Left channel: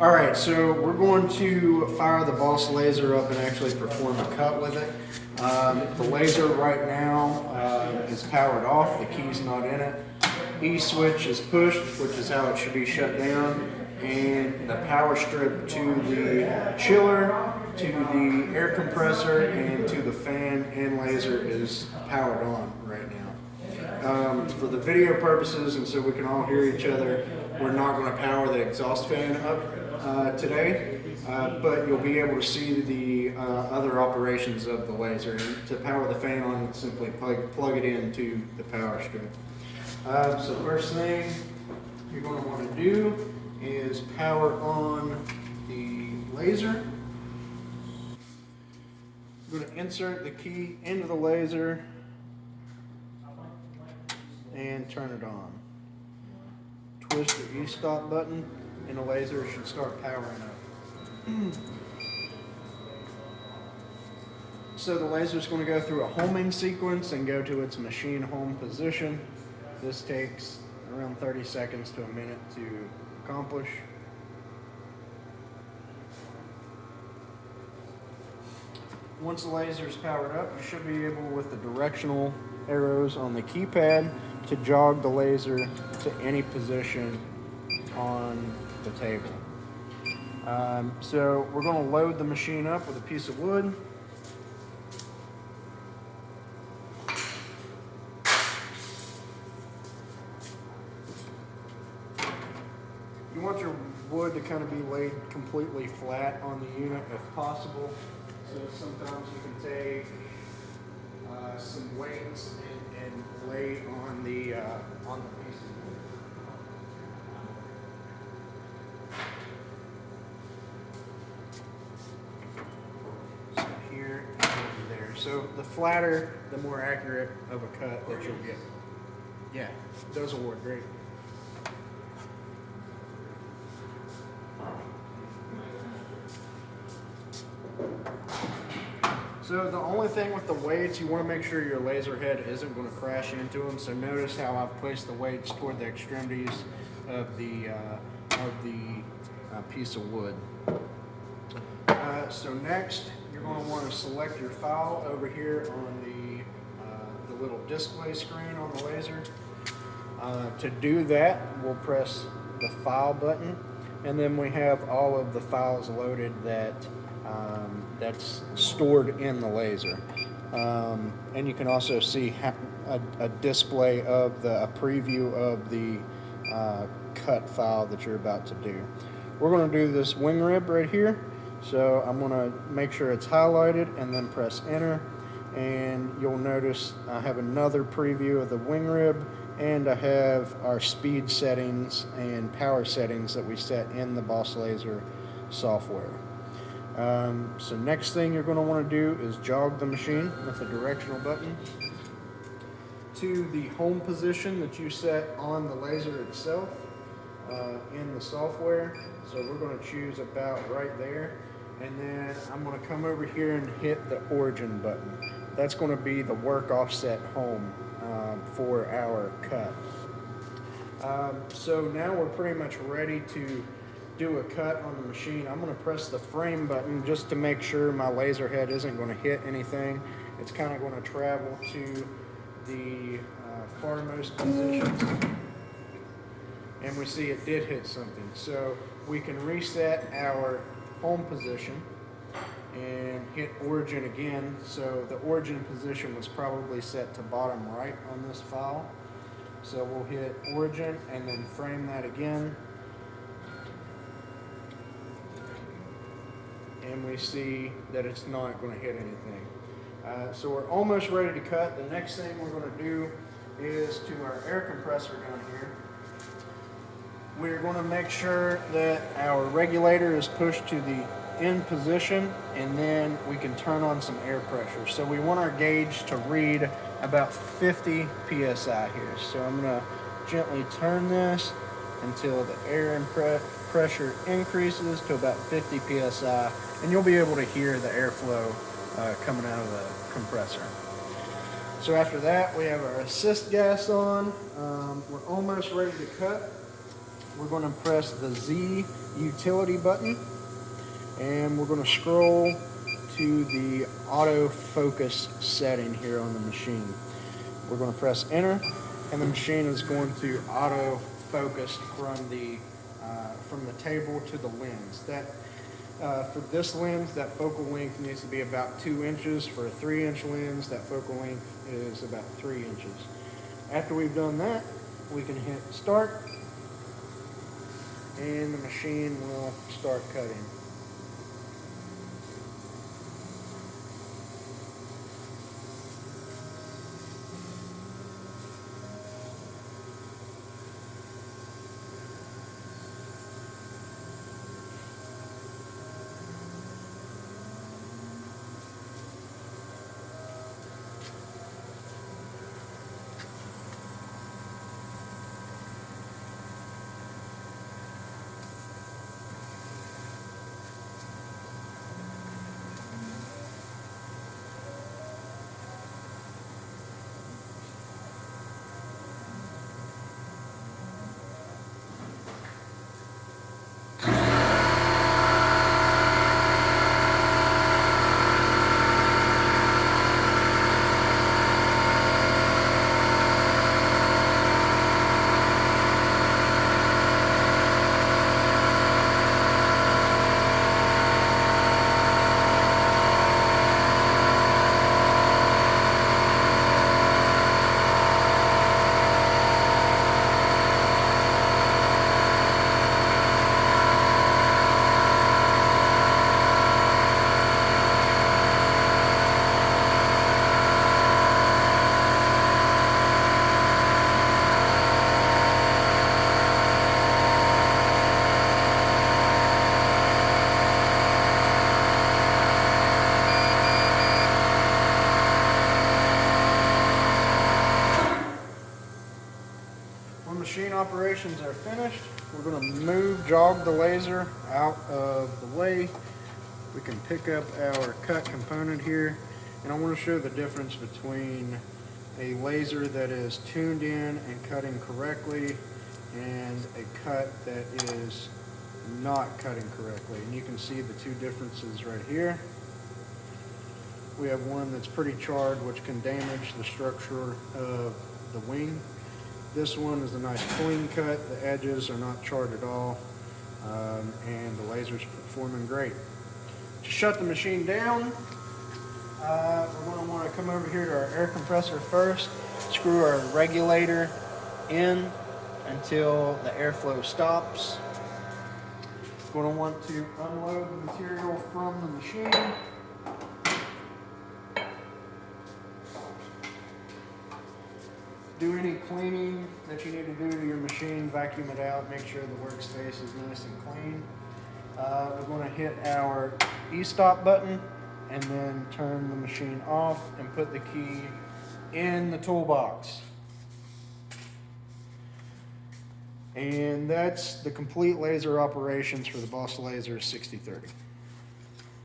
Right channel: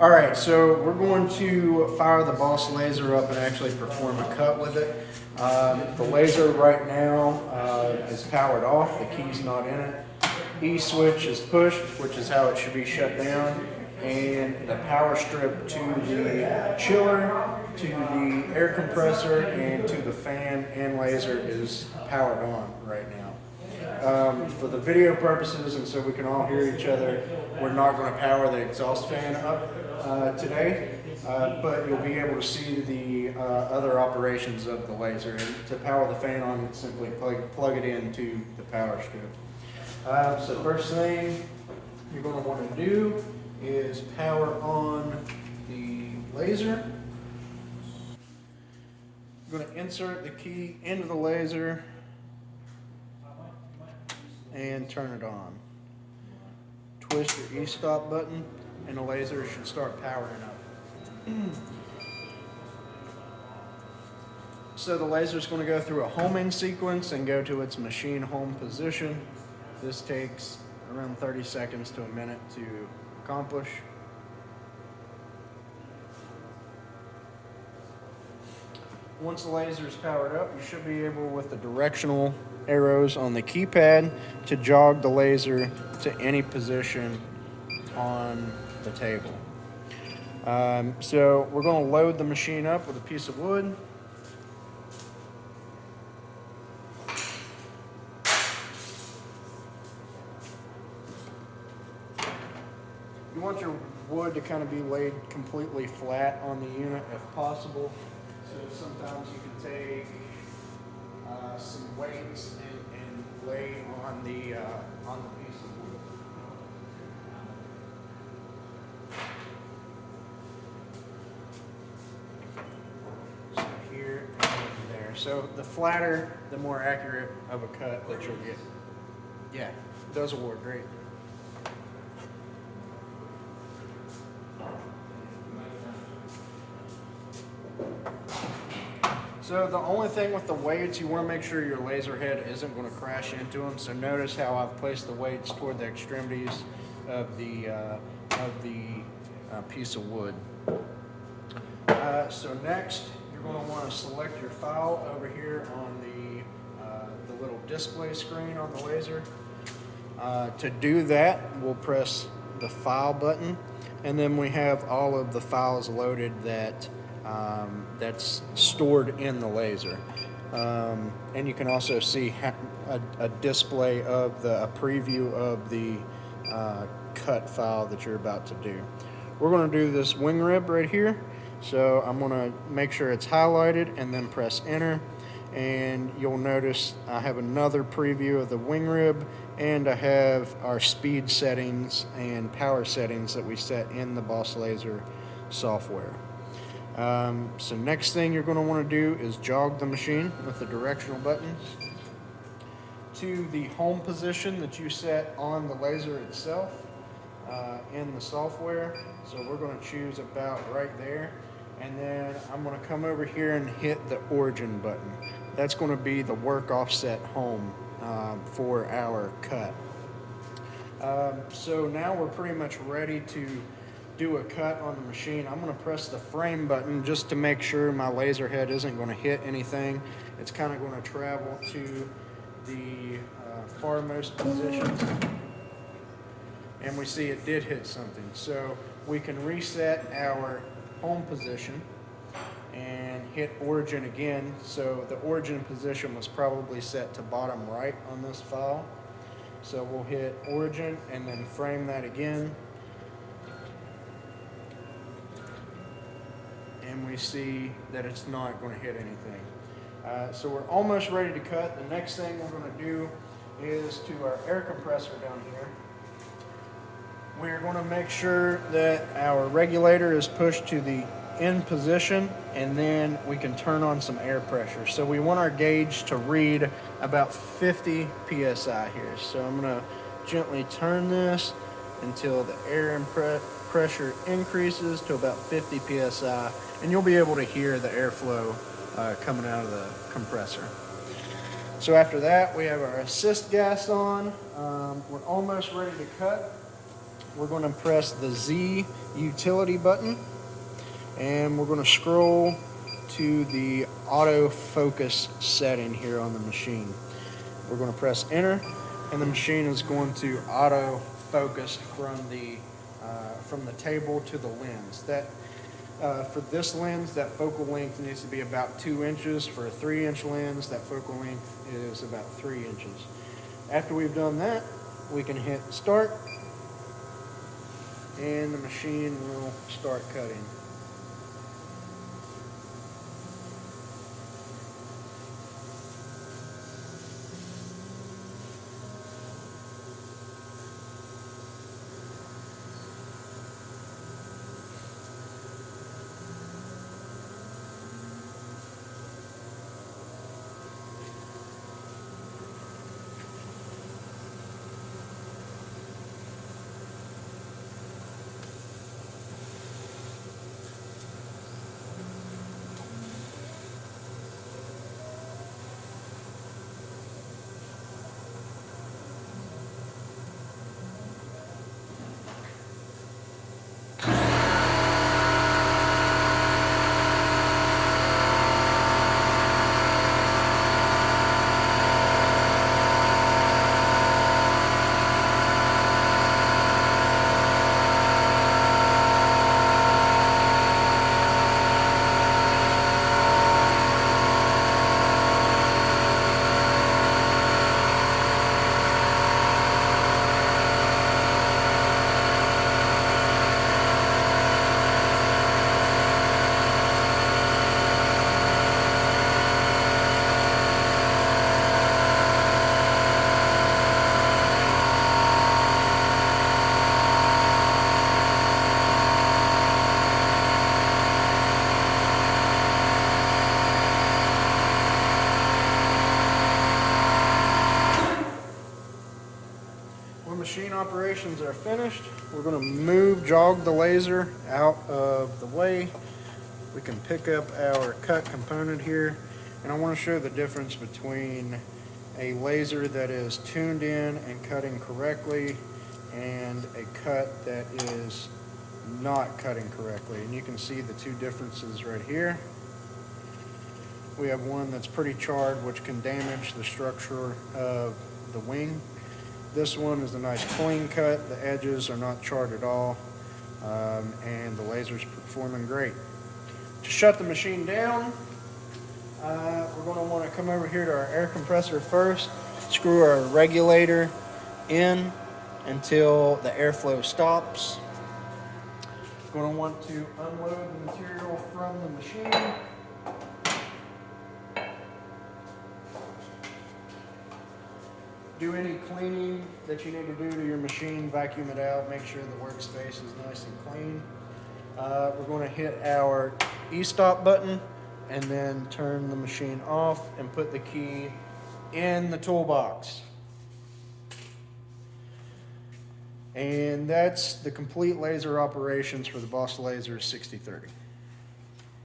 All right, so we're going to fire the Boss laser up and actually perform a cut with it. The laser right now is powered off, the key's not in it. E-switch is pushed, which is how it should be shut down, and the power strip to the chiller, to the air compressor, and to the fan and laser is powered on right now. For the video purposes and so we can all hear each other, we're not going to power the exhaust fan up today, but you'll be able to see the other operations of the laser. And to power the fan on, simply plug it into the power strip. So first thing you're going to want to do is power on the laser. I'm going to insert the key into the laser and turn it on. Twist your e-stop button and the laser should start powering up. So the laser is going to go through a homing sequence and go to its machine home position. This takes around 30 seconds to a minute to accomplish. Once the laser is powered up, you should be able, with the directional arrows on the keypad, to jog the laser to any position on the table. So we're going to load the machine up with a piece of wood. You want your wood to kind of be laid completely flat on the unit if possible. So sometimes you can take some weights and lay on the piece of wood. So here and there. So the flatter, the more accurate of a cut that you'll get. Yeah, it does work great. So the only thing with the weights, you want to make sure your laser head isn't going to crash into them. So notice how I've placed the weights toward the extremities of the piece of wood. So next, you're going to want to select your file over here on the little display screen on the laser. To do that, we'll press the file button, and then we have all of the files loaded that's stored in the laser. And you can also see a display of a preview of the cut file that you're about to do. We're going to do this wing rib right here. So I'm going to make sure it's highlighted and then press enter. And you'll notice I have another preview of the wing rib, and I have our speed settings and power settings that we set in the Boss Laser software. So next thing you're going to want to do is jog the machine with the directional button to the home position that you set on the laser itself in the software. So we're going to choose about right there, and then I'm going to come over here and hit the origin button. That's going to be the work offset home for our cut. So now we're pretty much ready to do a cut on the machine. I'm going to press the frame button just to make sure my laser head isn't going to hit anything. It's kind of going to travel to the farmost position, and we see it did hit something. So we can reset our home position and hit origin again. So the origin position was probably set to bottom right on this file. So we'll hit origin and then frame that again. And we see that it's not going to hit anything. So we're almost ready to cut. The next thing we're going to do is to our air compressor down here. We're going to make sure that our regulator is pushed to the in position, and then we can turn on some air pressure. So we want our gauge to read about 50 psi here. So I'm going to gently turn this until the air pressure increases to about 50 psi, and you'll be able to hear the airflow coming out of the compressor. So after that, we have our assist gas on. We're almost ready to cut. we're going to press the Z utility button, and we're going to scroll to the autofocus setting here on the machine. We're going to press enter, and the machine is going to autofocus from the table to the lens. For this lens, that focal length needs to be about 2 inches. For a 3-inch lens, that focal length is about 3 inches. After we've done that, we can hit start, and the machine will start cutting. When machine operations are finished, we're going to jog the laser out of the way. We can pick up our cut component here, and I want to show the difference between a laser that is tuned in and cutting correctly and a cut that is not cutting correctly. And you can see the two differences right here. We have one that's pretty charred, which can damage the structure of the wing. This one is a nice clean cut. The edges are not charred at all, and the laser's performing great. To shut the machine down, we're going to want to come over here to our air compressor first, screw our regulator in until the airflow stops. We're going to want to unload the material from the machine. Do any cleaning that you need to do to your machine, vacuum it out, make sure the workspace is nice and clean. We're going to hit our e-stop button and then turn the machine off and put the key in the toolbox. And that's the complete laser operations for the Boss Laser 6030.